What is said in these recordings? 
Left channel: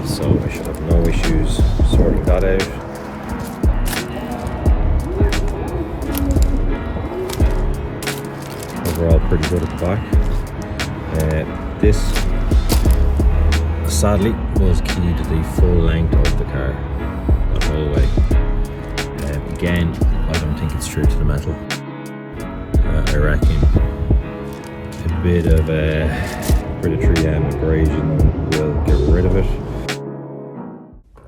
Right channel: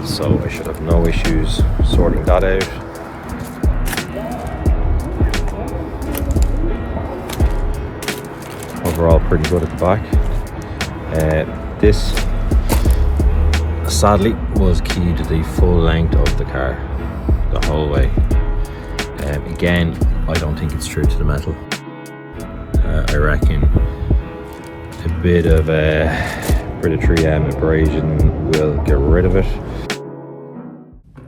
well, so I should have no issues sorting that out. Overall pretty good at the back. This sadly was keyed the full length of the car the whole way. Again, I don't think it's true to the metal. I reckon a bit of 3M abrasion will get rid of it.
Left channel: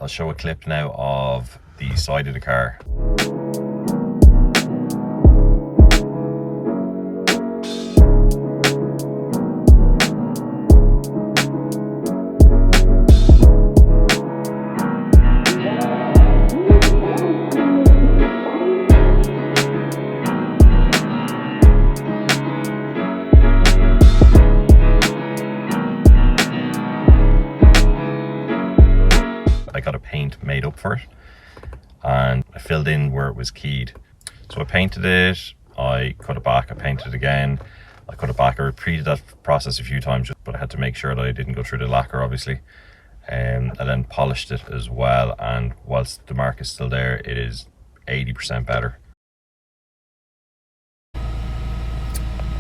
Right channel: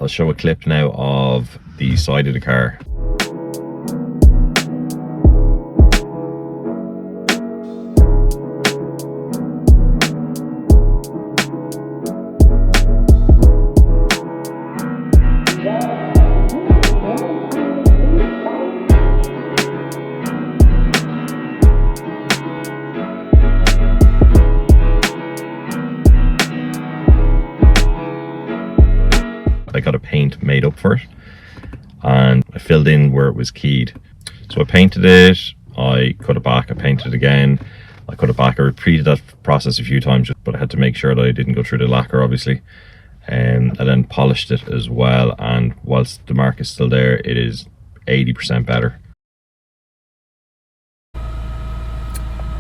I'll show a clip now of the side of the car. I got a paint made up for it and I filled in where it was keyed. So I painted it, I cut it back, I painted it again, I cut it back. I repeated that process a few times, but I had to make sure that I didn't go through the lacquer obviously. I then polished it as well, and whilst the mark is still there, it is 80% better.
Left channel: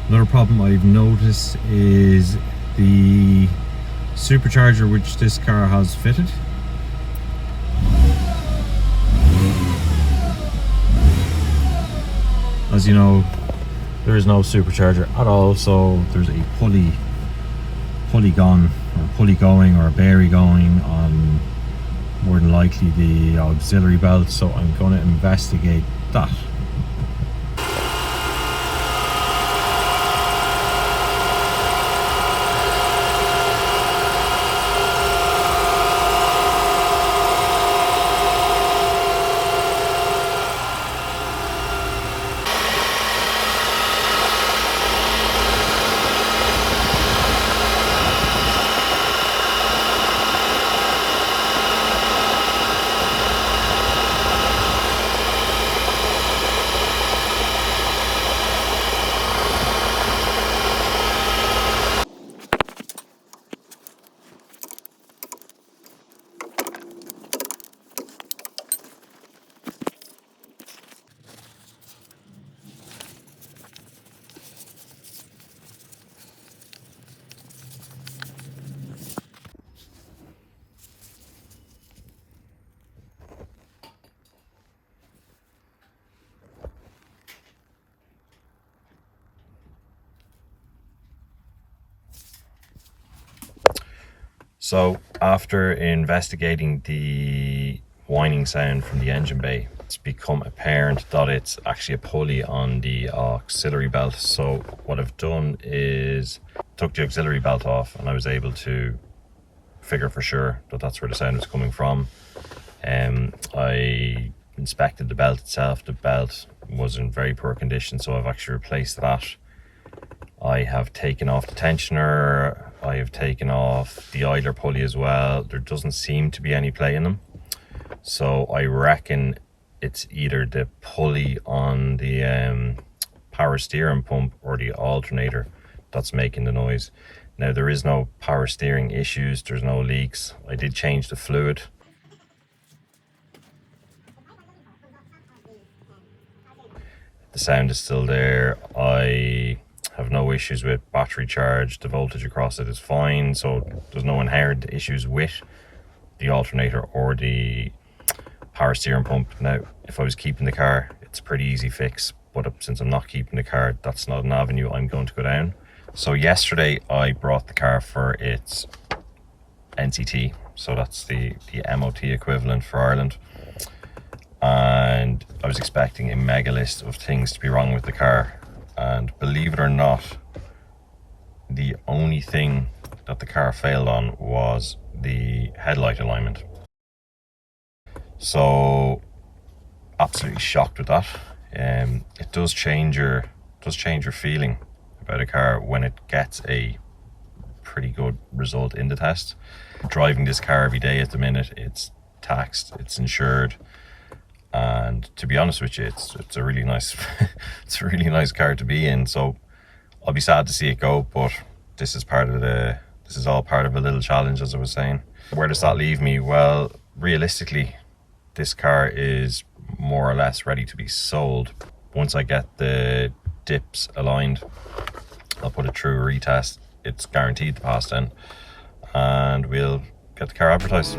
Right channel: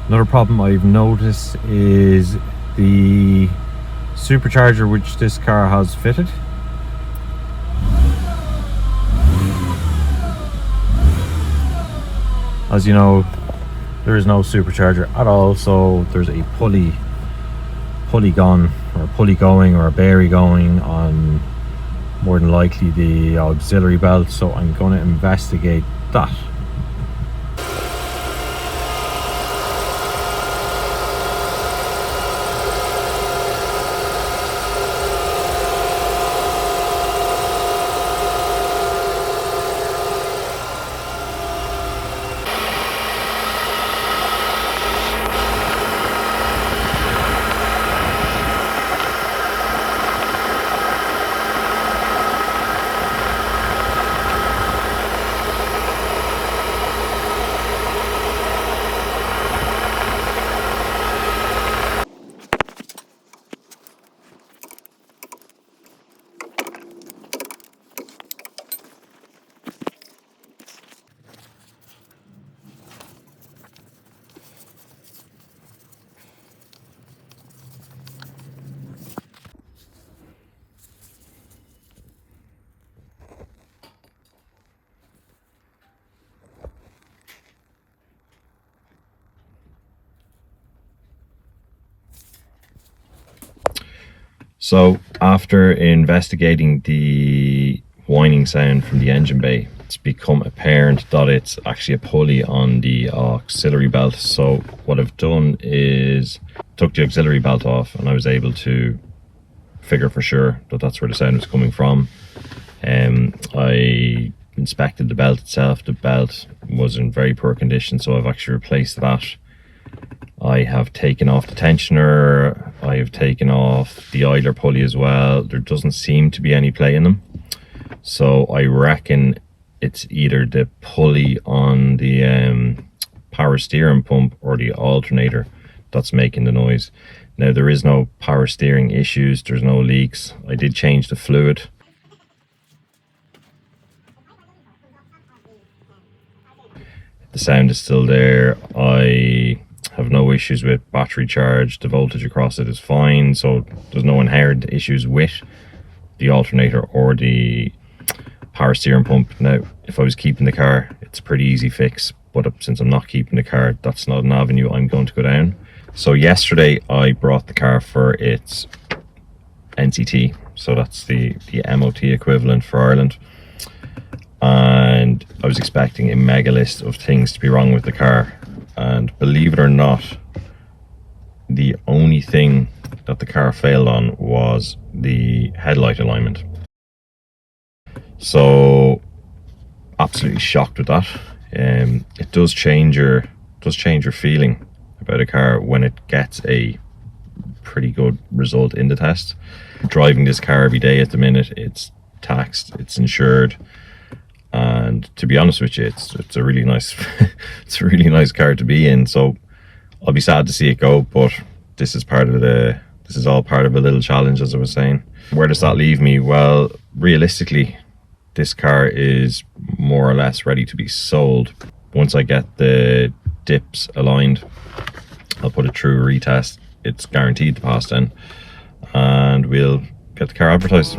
Another problem I've noticed is the supercharger which this car has fitted. As you know, there is no supercharger at all, so there's a pulley gone, or a pulley going, or a bearing going on more than likely the auxiliary belt, so I'm going to investigate that. So after investigating the whining sound from the engine bay, it's become apparent that it's actually a pulley on the auxiliary belt. So what I've done is took the auxiliary belt off, and I was able to figure for sure that that's where the sound was coming from. I inspected the belt itself. The belt was in very poor condition, so I've actually replaced that. I have taken off the tensioner, I have taken off the idler pulley as well. There doesn't seem to be any play in them. So I reckon it's either the pulley on the power steering pump or the alternator that's making the noise. Now there is no power steering issues, there's no leaks. I did change the fluid. The sound is still there. I have no issues with battery charge. The voltage across it is fine, so there's no inherent issues with the alternator or the power steering pump. Now if I was keeping the car, it's a pretty easy fix, but since I'm not keeping the car, that's not an avenue I'm going to go down. So yesterday I brought the car for its NCT, so that's the MOT equivalent for Ireland, and I was expecting a mega list of things to be wrong with the car. And believe it or not, the only thing that the car failed on was the headlight alignment. So absolutely shocked with that. It does change your feeling about a car when it gets a pretty good result in the test. Driving this car every day at the minute, it's taxed, it's insured, and to be honest with you, it's a really nice it's a really nice car to be in. So I'll be sad to see it go, but this is part of the This is all part of a little challenge, as I was saying. Where does that leave me? Well, realistically, this car is more or less ready to be sold. Once I get the dips aligned, I'll put it through a retest. It's guaranteed to pass then, and we'll get the car advertised.